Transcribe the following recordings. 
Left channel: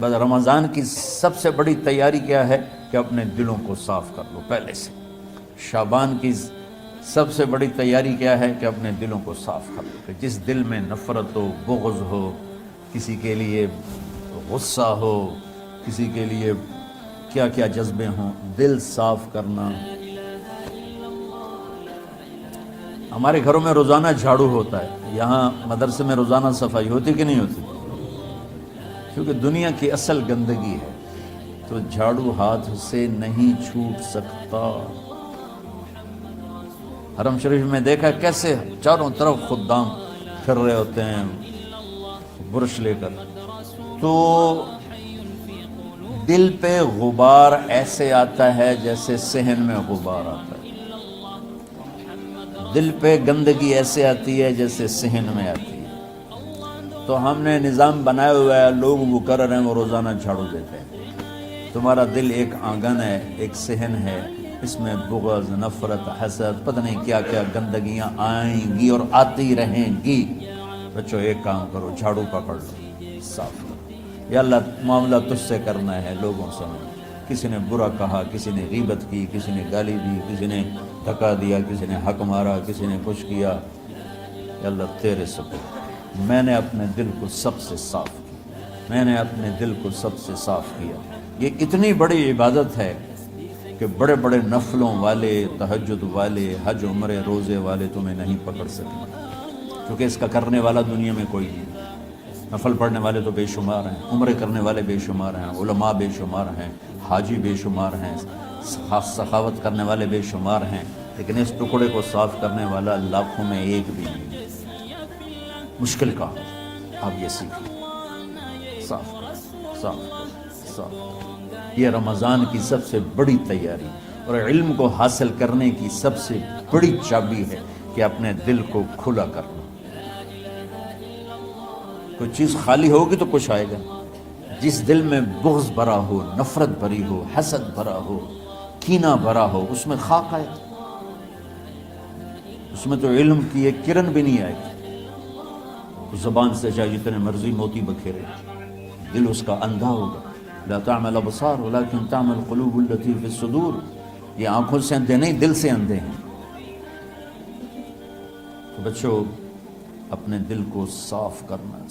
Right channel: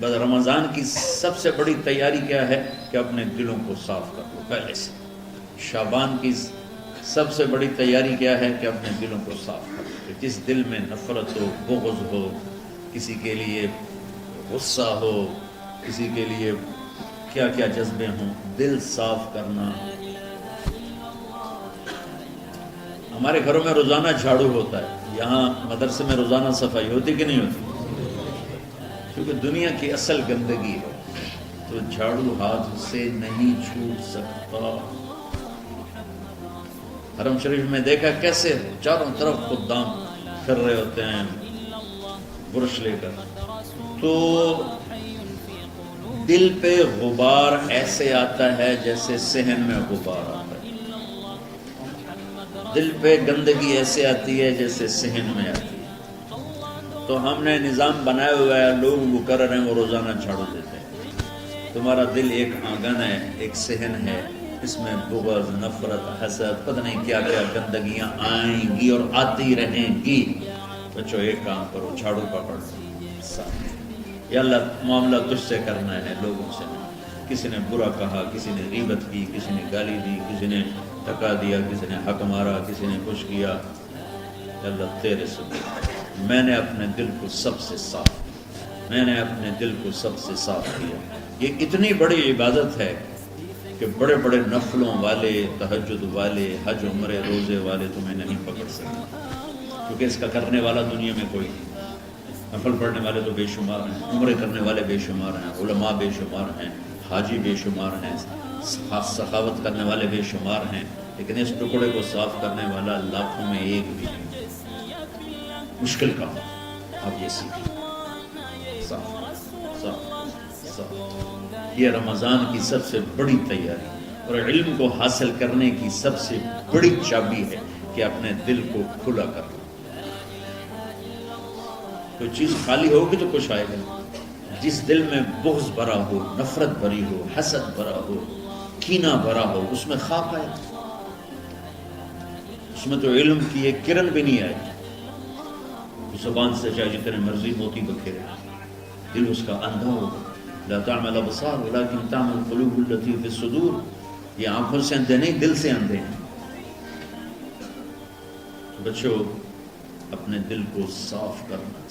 بس رمضان کی سب سے بڑی تیاری کیا ہے کہ اپنے دلوں کو صاف کر لو پہلے سے۔ شعبان کی سب سے بڑی تیاری کیا ہے کہ اپنے دلوں کو صاف کر لو۔ جس دل میں نفرت ہو، بغض ہو، کسی کے لیے غصہ ہو، کسی کے لیے کیا کیا جذبے ہوں، دل صاف کرنا۔ ہمارے گھروں میں روزانہ جھاڑو ہوتا ہے، یہاں مدرسے میں روزانہ صفائی ہوتی کہ نہیں ہوتی؟ کیونکہ دنیا کی اصل گندگی ہے تو جھاڑو ہاتھ سے نہیں چھوٹ سکتا۔ حرم شریف میں دیکھا کیسے چاروں طرف خدام پھر رہے ہوتے ہیں برش لے کر، تو دل پہ غبار ایسے آتا ہے جیسے صحن میں غبار آتا ہے، دل پہ گندگی ایسے آتی ہے جیسے صحن میں آتی ہے۔ تو ہم نے نظام بنایا ہوا ہے، لوگ وہ کر رہے ہیں، وہ روزانہ جھاڑو دیتے ہیں۔ تمہارا دل ایک آنگن ہے، ایک صحن ہے، اس میں بغض، نفرت، حسد، پتہ نہیں کیا کیا گندگیاں آئیں گی اور آتی رہیں گی۔ بچوں ایک کام کرو، جھاڑو پکڑ لو، صاف۔ یا اللہ معاملہ تجھ سے کرنا ہے، لوگوں سے نہیں۔ کسی نے برا کہا، کسی نے غیبت کی، کسی نے گالی دی، کسی نے دھکا دیا، کسی نے حق مارا، کسی نے کچھ کیا، یا اللہ تیرے سے میں نے اپنے دل کو سب سے صاف کیا، میں نے اپنے دل کو سب سے صاف کیا۔ یہ اتنی بڑی عبادت ہے کہ بڑے بڑے نفلوں والے، تہجد والے، حج عمرے روزے والے تمہیں نہیں پکڑ سکتے، کیونکہ اس کا کرنے والا دنیا میں کوئی نہیں۔ نفل پڑھنے والے تو بے شمار ہیں، عمرے کرنے والے بے شمار ہیں، علماء بے شمار ہیں، حاجی بے شمار ہیں، سخاوت کرنے والے بے شمار ہیں، لیکن اس ٹکڑے کو صاف کرنے والا لاکھوں میں ایک بھی نہیں۔ مشکل کا آپ یہ سیکھیں، صاف صاف صاف۔ یہ رمضان کی سب سے بڑی تیاری اور علم کو حاصل کرنے کی سب سے بڑی چابی ہے کہ اپنے دل کو کھلا کرنا۔ کوئی چیز خالی ہوگی تو کچھ آئے گا۔ جس دل میں بغض بھرا ہو، نفرت بھری ہو، حسد بھرا ہو، کینہ بھرا ہو، اس میں خاک آئے، اس میں تو علم کی ایک کرن بھی نہیں آئے۔ زبان سے چاہے جتنے مرضی موتی بکھیرے، دل اس کا اندھا ہوگا۔ لا تعمل الابصار ولكن تعمل القلوب التي في الصدور۔ یہ آنکھوں سے اندھے نہیں، دل سے اندھے ہیں۔ تو بچوں اپنے دل کو صاف کرنا۔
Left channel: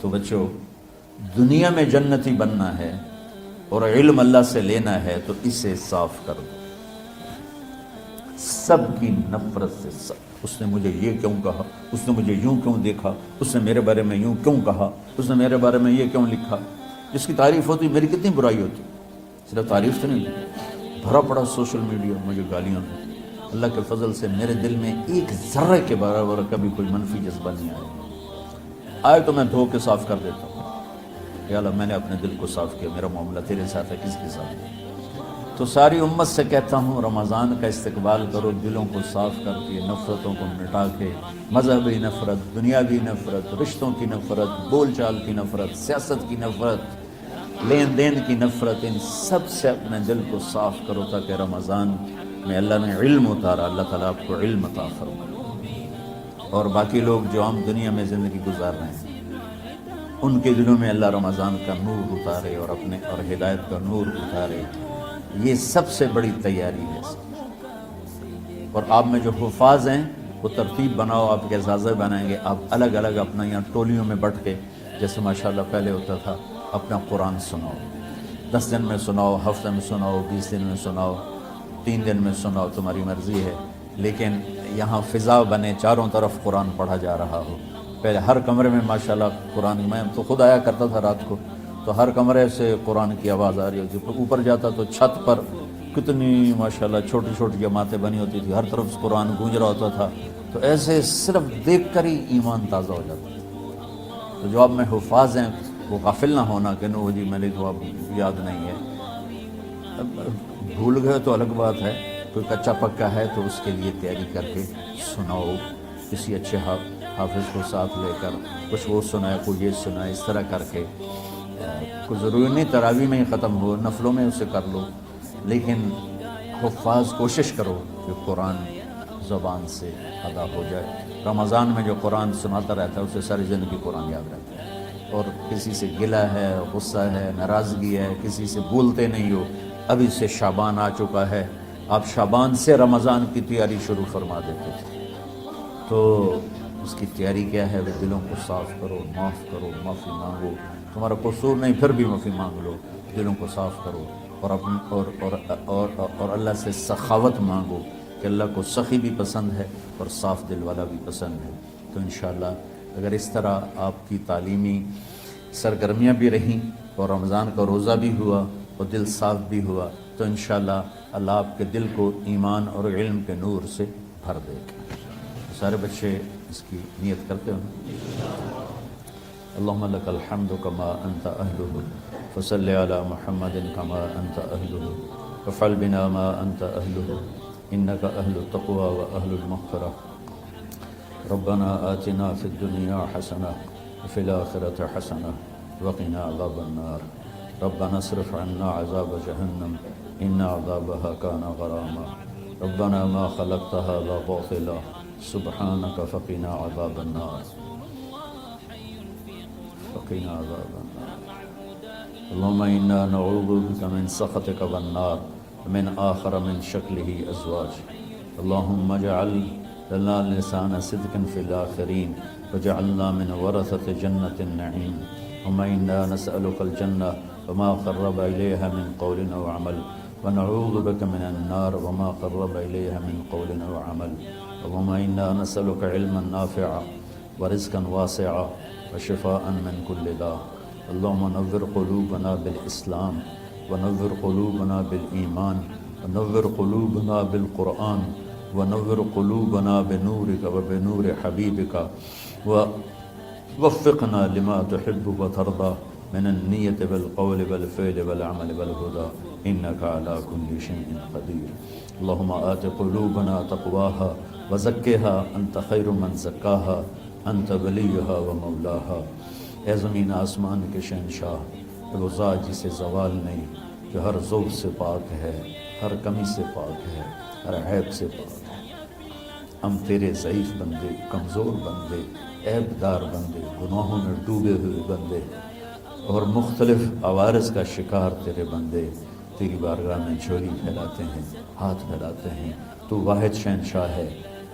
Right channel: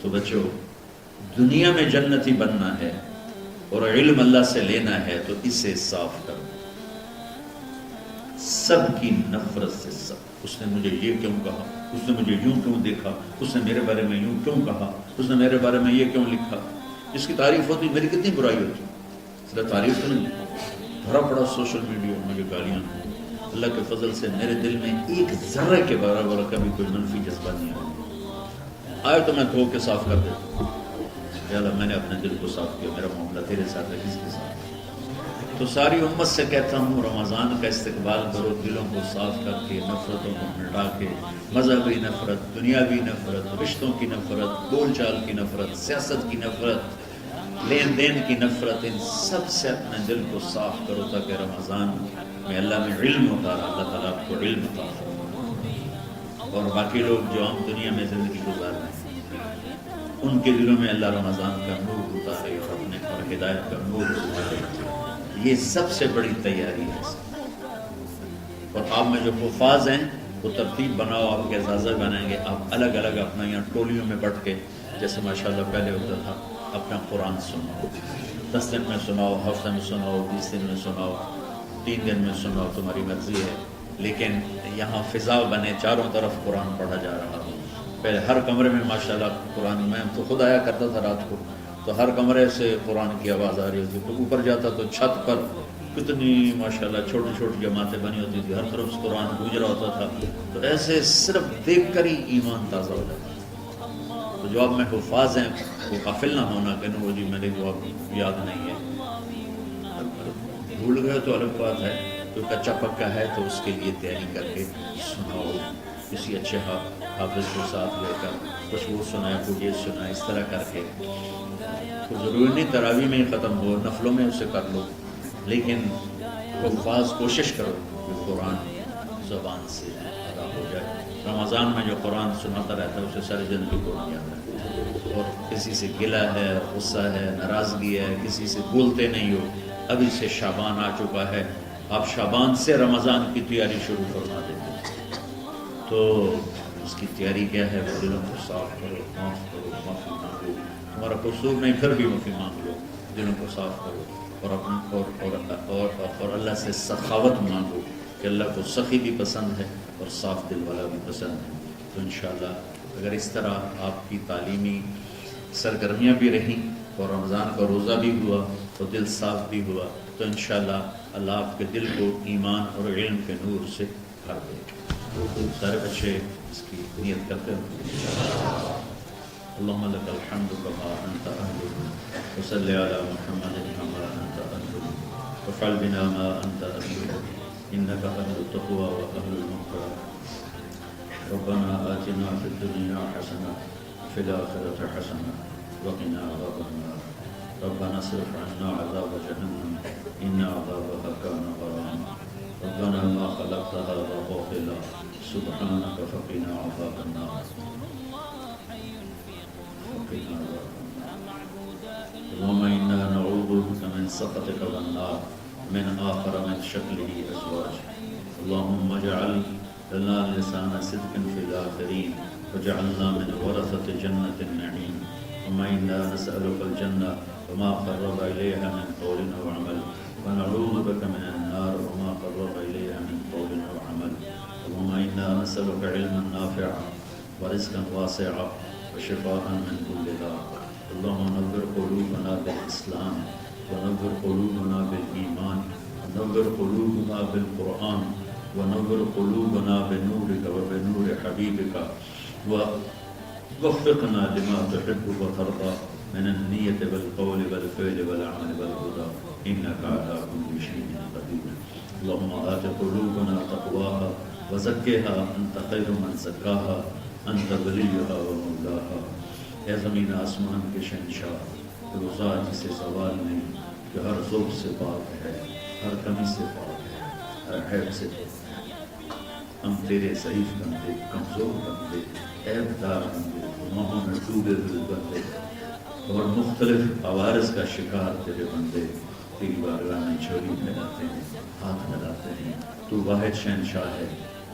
تو بچوں دنیا میں جنتی بننا ہے اور علم اللہ سے لینا ہے تو اسے صاف کرو۔ سب کی نفرت سے سب، اس نے مجھے یہ کیوں کہا، اس نے مجھے یوں کیوں دیکھا، اس نے میرے بارے میں یوں کیوں کہا، اس نے میرے بارے میں یہ کیوں لکھا۔ جس کی تعریف ہوتی میری کتنی برائی ہوتی، صرف تعریف تو نہیں، بھرا پڑا سوشل میڈیا مجھے گالیاں۔ اللہ کے فضل سے میرے دل میں ایک ذرے کے برابر کبھی کوئی منفی جذبہ نہیں آیا۔ آئے تو میں دھو کے صاف کر دیتا ہوں، یا اللہ میں نے اپنے دل کو صاف کیا، میرا معاملہ تیرے ساتھ ہے، کس کے ساتھ ہے۔ تو ساری امت سے کہتا ہوں رمضان کا استقبال کرو، دلوں کو صاف کر کے، نفرتوں کو مٹا کے، مذہبی نفرت، دنیاوی نفرت، رشتوں کی نفرت، بول چال کی نفرت، سیاست کی نفرت، لین دین کی نفرت، ان سب سے اپنے دل کو صاف کرو تاکہ رمضان میں اللہ نے علم اتارا، اللہ تعالیٰ آپ کو علم عطا فرمائے۔ اور باقی لوگ جو ہم دنیا میں زندگی گزار رہے ہیں ان کے دلوں میں اللہ رمضان کا نور اتارے اور اپنے اور ہدایت کا نور اتارے۔ یہ سب سے بڑی تیاری ہے۔ اور آپ میں جو حفاظ ہیں وہ ترتیب بناؤ، آپ کے اعزازہ بنائیں گے، آپ الگ الگ اپنا یہاں ٹولیوں میں بٹ کے، جیسے ماشاءاللہ پہلے ہوتا تھا، اپنا قرآن سناؤ، 10 دن میں سناؤ، ہفتہ میں سناؤ، 20 دن میں سناؤ، 3 دن میں سناؤ، تمہاری مرضی ہے، لیکن یہاں فضا بنے، چاروں طرف قرآن پڑھا جا رہا ہو۔ پہلے ہر کمرے میں ماشاءاللہ قرآن، میں تو خود آیا کرتا تھا رات کو، تو ہر کمرے سے قرآن کی آواز آ رہی ہوتی، تو اوپر جاتا تو چھت پر کتنی ماشاءاللہ چھوٹی چھوٹی جماعتیں بنی ہوتی تھی، ہر طرف سے قرآن گونج رہا ہوتا تھا، تو ایسے صرف دیکھ کر ہی ایمان تازہ ہو جاتا۔ تو جو آپ میں حفاظ ہیں وہ غافل نہ ہونا کہ نو جی میں نے تو اب یاد نہیں ہے، بھول گئے تو الگ بات ہے، کوئی کچا پکا ہے تو اس کے لیے تیاری کر کے سناؤ، کسی اچھے حافظ کو ساتھ لے کر، کچھ وہ سنائے، کوئی یہ سنائے، اس طرح کر کے۔ کوئی ضروری نہیں تراویح میں ہی ختم ہو، نفلوں میں اسے کر لو، لیکن حفاظ کوشش کرو کہ قرآن زبان سے ادا ہو جائے۔ رمضان میں جو قرآن سناتا رہتا ہے اسے ساری زندگی قرآن یاد رہتا ہے۔ اور کسی سے گلہ ہے، غصہ ہے، ناراضگی ہے، کسی سے بولتے نہیں ہو، ابھی سے شعبان آ چکا ہے، آپ شعبان سے رمضان کی تیاری شروع فرما دیتے ہیں، تو اس کی تیاری کیا ہے؟ وہ دلوں کو صاف کرو، معاف کرو، معافی مانگو، تمہارا قصور نہیں پھر بھی معافی مانگ لو، دلوں کو صاف کرو، اور اللہ سے سخاوت مانگو کہ اللہ کو سخی بھی پسند ہے اور صاف دل والا بھی پسند ہے۔ تو انشاءاللہ اگر اس طرح آپ کی تعلیمی سرگرمیاں بھی رہیں اور رمضان کا روزہ بھی ہوا اور دل صاف بھی ہوا، تو انشاءاللہ اللہ آپ کے دل کو ایمان اور علم کے نور سے بھر دے گا۔ سارے بچے اس کی نیت کرتے ہیں۔ اللہم لک الحمد کما انت اہلہ وصلی علی محمد کما انت اہلہ وفعل بنا ما انت اہلہ انک اہل التقوی و اہل المغفرہ۔ ربنا آتنا فی الدنیا حسنہ وفی الآخرة حسنہ وقنا عذاب النار۔ ربنا اصرف عنا عذاب جہنم ان عذابها كان غراما۔ ربنا ما خلقت هذا باطلا سبحانك فقنا عذاب النار، وقنا عذاب النار۔ اللهم إنا نعوذ بك من سخطك والنار ومن آخر من شكله أزواج۔ اللهم اجعل لنا لسان صدق في الآخرين وجعلنا من ورثة جنة النعيم۔ اللهم إنا نسألك الجنة وما قرب إليها من قول أو عمل، ونعوذ بك من النار وما قرب إليها من قول أو عمل۔ اللهم إنا نسألك علما نافعا ورزقا واسعا وشفاء من كل داء۔ اللهم نور قلوبنا بالإسلام ونور قلوبنا بالإيمان ونور قلوبنا بالقرآن ونور قلوبنا بنورك وبنور حبيبك ووفقنا لما تحب وترضى من النية والقول والفعل والعمل والهدى إنك على كل شيء قدير۔ اللهم آت قلوبنا تقواها وزكها أنت خير من زكاها أنت وليها ومولاها۔ اے زمین آسمان کے شہنشاہ، روزہ جسے زوال نہیں، جو ہر ذوق سے پاک ہے، ہر کمی سے پاک ہے، ہر عیب سے پاک ہے۔ ہم تیرے ضعیف بندے، کمزور بندے، عیب دار بندے، گناہوں میں ڈوبے ہوئے بندے اور مختلف عوارض کا شکار تیرے بندے تیری بارگاہ میں جھولی پھیلاتے ہیں، ہاتھ پھیلاتے ہیں۔ تو واحد شہنشاہ ہے،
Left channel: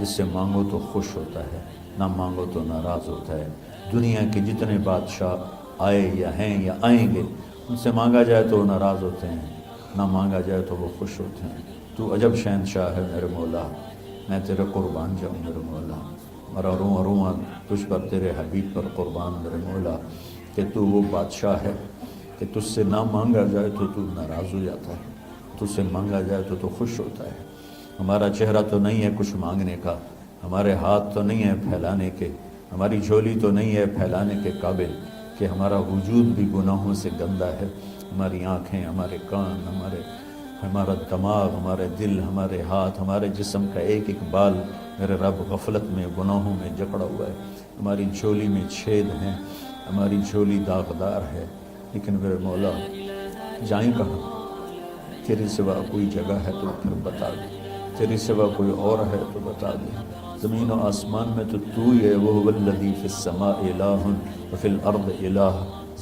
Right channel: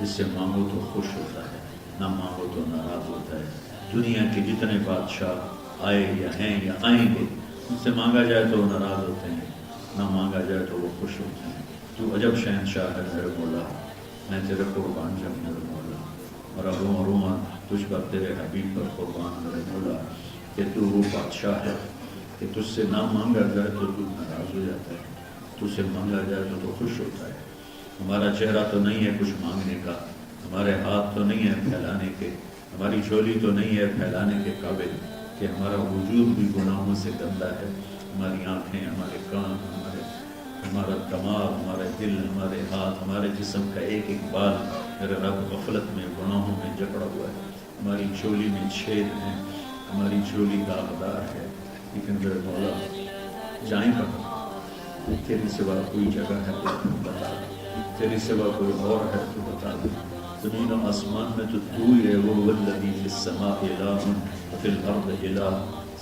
جس سے مانگو تو خوش ہوتا ہے، نہ مانگو تو ناراض ہوتا ہے۔ دنیا کے جتنے بادشاہ آئے یا ہیں یا آئیں گے، ان سے مانگا جائے تو وہ ناراض ہوتے ہیں، نہ مانگا جائے تو وہ خوش ہوتے ہیں۔ تو عجب شہنشاہ ہے میرے مولا، میں تیرے قربان جاؤں میرے مولا، میرا روواں روواں تجھ پر، تیرے حبیب پر قربان میرے مولا، کہ تو وہ بادشاہ ہے کہ تجھ سے نہ مانگا جائے تو تو ناراض ہو جاتا ہے، تجھ سے مانگا جائے تو تو خوش ہوتا ہے۔ ہمارا چہرہ تو نہیں ہے کچھ مانگنے کا، ہمارے ہاتھ تو نہیں ہے پھیلانے کے، ہماری جھولی تو نہیں ہے پھیلانے کے قابل، کہ ہمارا وجود بھی گناہوں سے گندا ہے، ہماری آنکھیں، ہمارے کان، ہمارا دماغ، ہمارے دل، ہمارے ہاتھ، ہمارے جسم کا ایک ایک بال میرے رب غفلت میں، گناہوں میں جکڑا ہوا ہے۔ ہماری جھولی میں چھید ہیں، ہماری جھولی داغدار ہے، لیکن میرے مولا جائیں کہاں؟ تیرے سوا کوئی جگہ ہے تو بتا دے، تیرے سوا کوئی اور ہے تو بتا دے۔ زمین و آسمان میں تو تو ہی ہے، وَهُوَ الَّذِي فِي السَّمَاءِ إِلَٰهٌ وَفِي الْأَرْضِ إِلَٰهٌ۔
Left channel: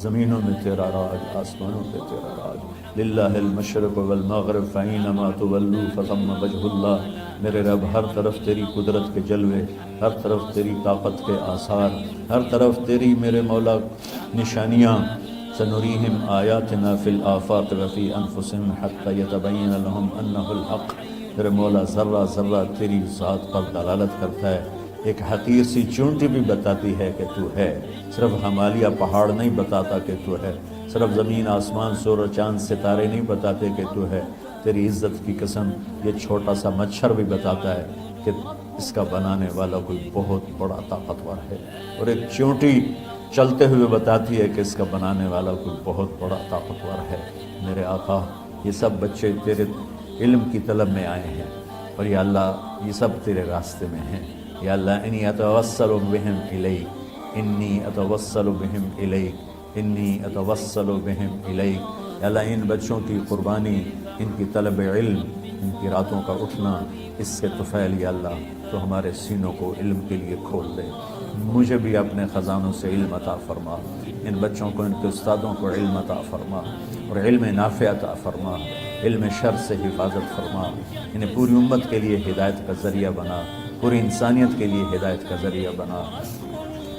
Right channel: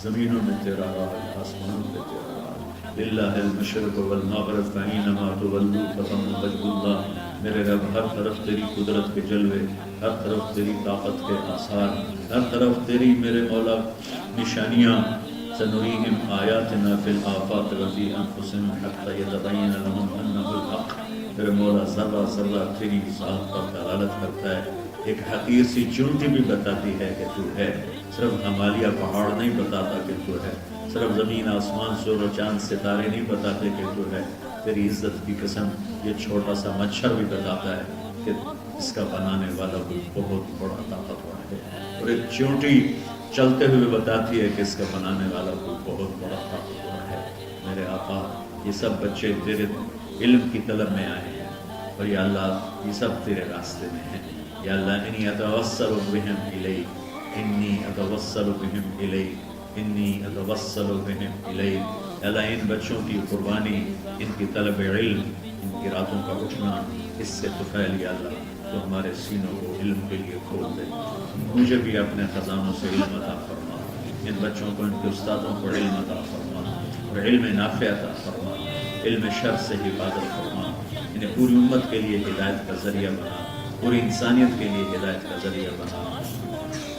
زمینوں میں تیرا راج، آسمانوں میں تیرا راج۔ لِلَّهِ الْمَشْرِقُ وَالْمَغْرِبُ فَأَيْنَمَا تُوَلُّوا فَثَمَّ وَجْهُ اللَّهِ۔ میرے رب ہر طرف تیری قدرت کے جلوے، ہر طرف تیری طاقت کے آثار، ہر طرف تیری میرے مولا نشانیاں۔ سنریہم آیاتنا فی الآفاق وفی انفسہم حتی یتبین لہم انہ الحق۔ میرے مولا ذرہ ذرہ تیری ذات پر دلالت کرتا ہے، ایک حقیر سی چونٹی بھی بتاتی ہے کہ تو ہے، صرف ہمالیہ پہاڑ نہیں بتاتا کہ تو ہے، صرف زمین آسمان سور و چاند ستارے نہیں بتاتے کہ تو ہے۔ تیری عزت کی قسم یہ چھوٹا سا مچھر بھی بتاتا ہے کہ اس کا بنانے والا کوئی بہت بڑا طاقتور ہے، اور ایک چونٹی چلتے ہوئے بتاتی ہے کہ اس کا بنانے والا کوئی بہت بڑا طاقتور ہے۔ میرے آقا، یہ سب بچے تیرے علم کی طلب میں آئے ہیں، اور یا اللہ یہ سب تیرے راستے میں ہیں۔ یا اللہ انی اتوسل بہم الیک، انی اتوسل بہم الیک، انی اتوسل بہم الیک۔ یا اللہ ان بچوں کی قربانی، ان کی طلب علم، ان کی راتوں کا اٹھنا، اس سے طفیل یا اللہ تو ہمارے سینوں کو علم کے لیے کھول دے۔ مجھے بھی اپنے خزانوں سے علم عطا فرما، ان بچوں کو، ان کے استادوں کو علم عطا فرما اور علم نافع عطا فرما، علم شر سے حفاظت فرما، انہیں پوری امت کے لیے ہدایت کا ذریعہ بنا، پوری انسانیت کے لیے ہدایت کا ذریعہ بنا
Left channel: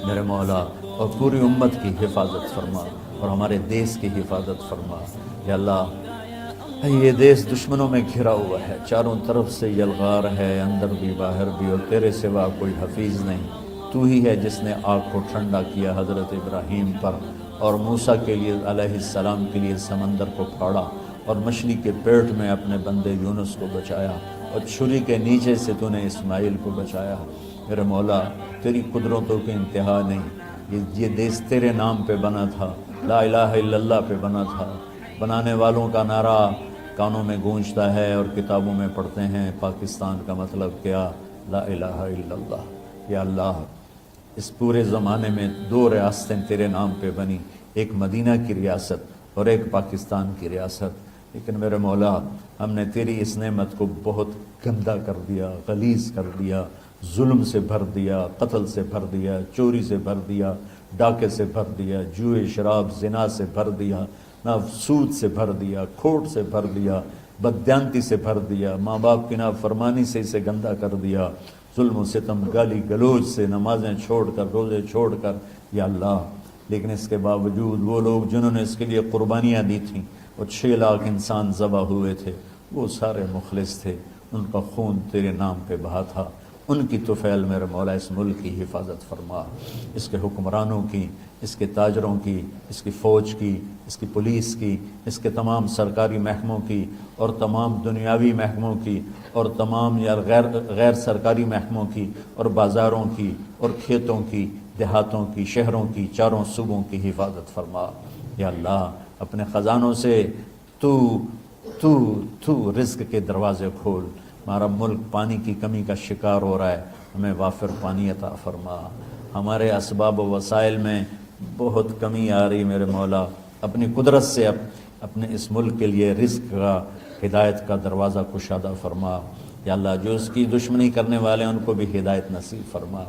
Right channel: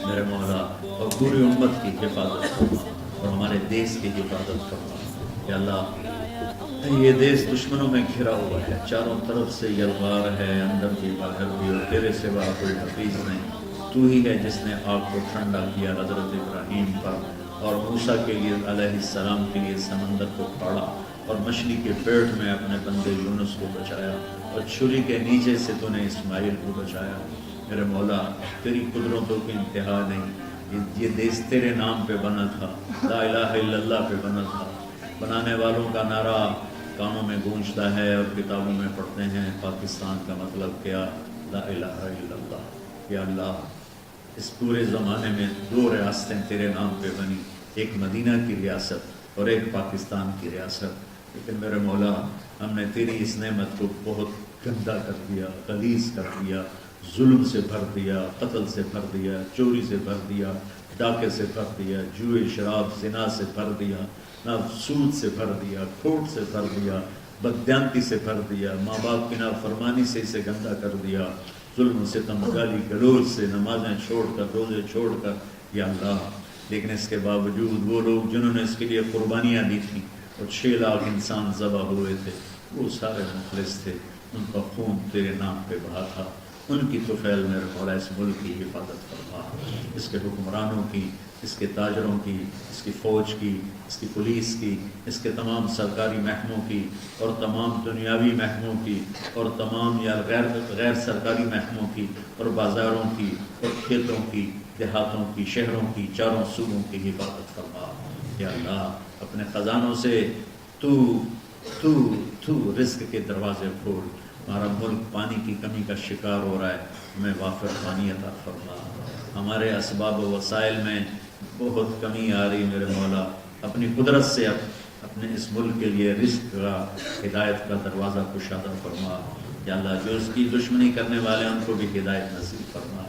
میرے مولا، اور پوری امت کی حفاظت فرما اور ہمارے دیس کی حفاظت فرما۔ یا اللہ، یہ دیس دشمنوں میں گھرا ہوا ہے، چاروں طرف سے یلغار ہے، اندر بھی باہر بھی، اور تیرے سوا کوئی حفیظ نہیں۔ تو ہی ہے جس نے آگ کو ٹھنڈا کیا حضرت ابراہیم پر، اور موسیٰ کے لیے علیہ السلام کے لیے سمندر کو پھاڑا، اور مچھلی کے پیٹ میں اپنے بندے یونس کو بچایا، اور چھری کے نیچے سے تو نے اسماعیل کو بچایا۔ میرے مولا، تیری قدرتوں کی انتہا نہیں، یہ دیس تیرے نام پہ بنا تھا، لا الہ الا اللہ پہ بنا تھا۔ بنانے والوں کا نعرہ کانوں میں گونجتا ہے اور کتابوں میں پڑھتے ہیں، پاکستان کا مطلب کیا؟ لا الہ الا اللہ۔ یا اللہ، اس پورے زمانے میں 2 ریاستیں تیرے نام پہ بنی، ایک مدینہ کی ریاست اور ایک پاکستان کی ریاست، لیکن میرے مولا، ہم نے تیری اس نعمت کو بہت گندا کر دیا، غلیظ کر دیا، ظلم سے بھر دیا، قتل سے بھر دیا، چوری سے بھر دیا، ڈاکے سے بھر دیا، جوئے شراب زنا سے بھر دیا، سود سے بھر دیا، کھوٹ سے بھر دیا، بددیانتی سے بھر دیا، ماں باپ کی نافرمانی سے اسے گندا کر دیا، ظلم و ستم، گالی گلوچ سے، نمازیں چھوڑ کر، روزے چھوڑ کر۔ یا اللہ، لیکن اس کے باوجود وہ لوگ جنہوں نے اس کے لیے قربانیاں دی تھیں، اور 6 لاکھ انسان ذبح ہوئے تھے، وہ سارے مخلص تھے، ان کا خون تیرے نام پہ بہا تھا۔ ان کی طفیل میرے مولا اس ملک کی حفاظت فرما، اس کے حکمرانوں کی، اس کے تاجروں کی، اس کی فوج کی، اس کی پولیس کی، اس کے تمام سرکاری محکموں کی، اور تمام دنیاوی محکموں کی، اور تمام یا غیر سرکاری محکموں کی، اور بازاروں کی، اور کھیتوں کی، دیہاتوں کی، شہروں کی، چاروں صوبوں کی حفاظت فرما۔ یا اللہ، اپنے خزانوں سے تو رزق کے دروازے کھول۔ ہمارا ملک پانی کی کمی کا شکار ہو رہا ہے، ہمیں وافر پانی عطا فرما۔ ہمارے اسباب و وسائل میں بہت کمی آ رہی میرے مولا، اپنی قدرت سے اپنے اس ملک کے لیے رزق کا، ہدایت کا دروازہ کشادہ فرما۔ یا اللہ، جو اس کی دشمنی کرنے والے ہیں ان کو بھی ہدایت نصیب فرما،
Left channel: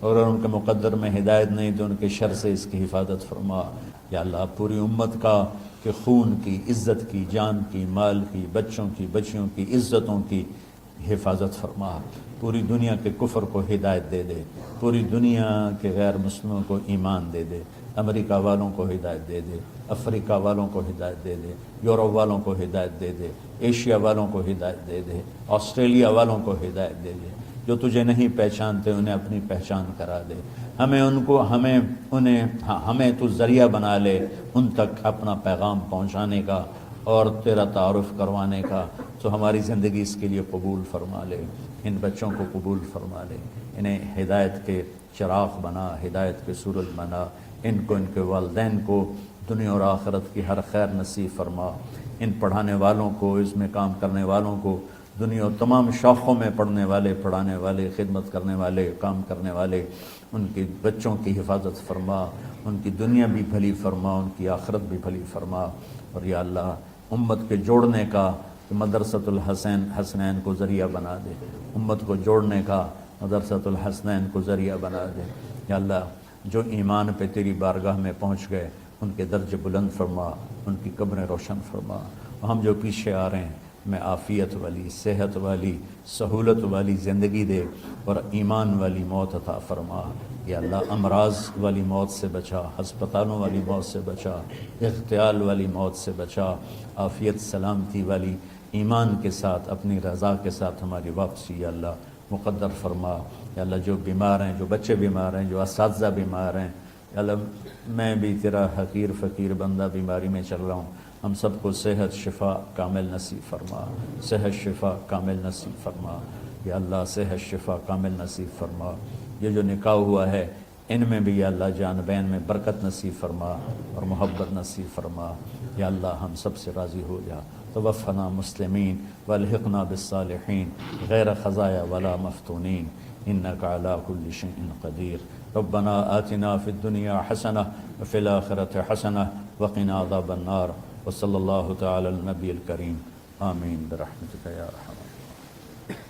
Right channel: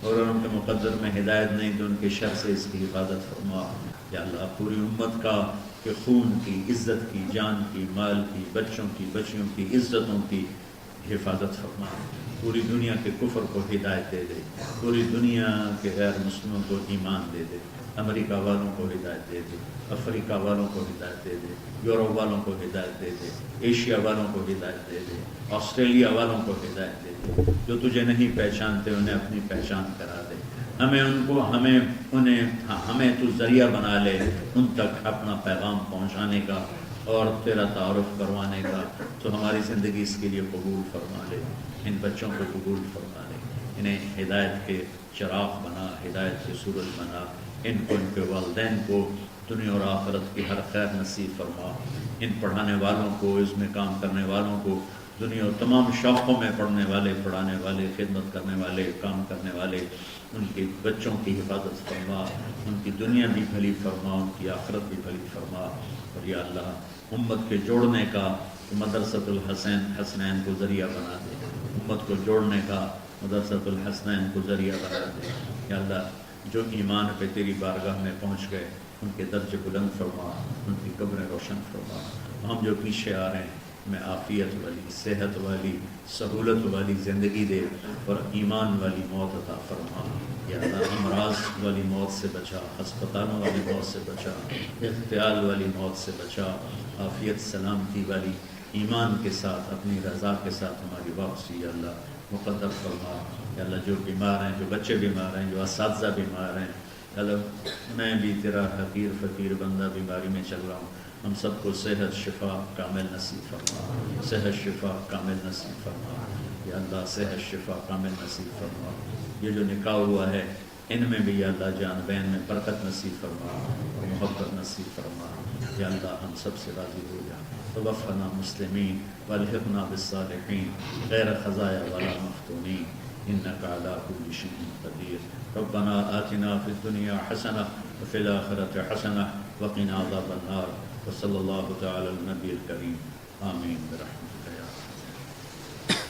اور ان کے مقدر میں ہدایت نہیں تو ان کے شر سے اس کی حفاظت فرما۔ یا اللہ، پوری امت کا کہ خون کی، عزت کی، جان کی، مال کی، بچوں کی، بچیوں کی، عزتوں کی حفاظت فرما۔ پوری دنیا کے کفر کو ہدایت دے دے، پوری دنیا کے غیر مسلموں کو ایمان دے دے، امریکہ والوں کو ہدایت دے دے، افریقہ والوں کو ہدایت دے دے، یورپ والوں کو ہدایت دے دے، ایشیا والوں کو ہدایت دے دے، آسٹریلیا والوں کو ہدایت دے دے، جو تجھے نہیں پہچانتے انہیں اپنی پہچان کرا دے۔ ہمیں تو ذریعہ بنا لے ان تک اپنا پیغام پہنچانے کا اور تیرا تعارف کروانے کا، تو ہماری زندگی اس کے لیے قبول فرما لے، ان بچوں کو قبول فرما لے، انہیں ہدایت کے چراغ بنا، ہدایت کے سورج بنا، ان کو، ان کے والدین کو دنیا اور آخرت کی ہر خیر نصیب فرما، ان پڑھانے والوں کو، اس میں کام کرنے والوں کو، دنیا اور تمام شاخوں میں پڑھنے والے، پڑھانے والے، خدمت کرنے والے، کام کرنے والے، ان کے بچوں کی حفاظت فرما، ان کی دنیا بھی بھلی فرما، ان کی آخرت بھی بھلی فرما۔ اور یا اللہ، امت کے جوڑنے کا کہ مدرسۃ الحسنین کو ذریعہ بنا دے، امت کو جوڑنے کا مدرسۃ الحسنین کو ذریعہ بنا دے۔ یا اللہ، جو ایمان پہ تیری بارگاہ میں پہنچ گئے ان کے درجے بلند فرما، ان کی قبریں روشن فرما۔ ہم جو پیچھے آ رہے ہیں میں عافیت والی، صحت والی، سہولت والی زندگی دے اور ایمان والی موت عطا فرما۔ یا اللہ، امراض والی موت سے بچا، ہسپتالوں والی موت سے بچا، اغتیال والی موت سے بچا، عافیت سلامتی والی ایمان کے ساتھ، اپنی رضا کے ساتھ ہماری واپسی یا اللہ مقدر فرما۔ یا اللہ، جو بیمار ہیں، جو بچے بیمار ہیں، جو اساتذہ بیمار ہیں، یا اللہ میں بھی تیرا حقیر فقیر بندہ بیماری میں چل رہا ہوں، ہم سب کو صحت شفا کامل نصیب فرما، صحت شفا کامل نصیب فرما۔ یا اللہ، صحت شفا کامل نصیب فرما۔ یہ جو نکاح ہوا ہے ان میں بھی یا اللہ جان بین میں برکت نصیب فرما اور محبت نصیب فرما۔ یا اللہ، ہم سب سے راضی ہو جا۔ توفنا مسلمین والحقنا بالصالحین غیر خزایا ولا مفتونین انک علی کل شیء قدیر۔ ربنا آتنا فی الدنیا حسنہ وفی الآخرۃ حسنہ وقنا عذاب النار، وصلی اللہ تعالی علی النبی الکریم، آمین برحمتک یا ارحم۔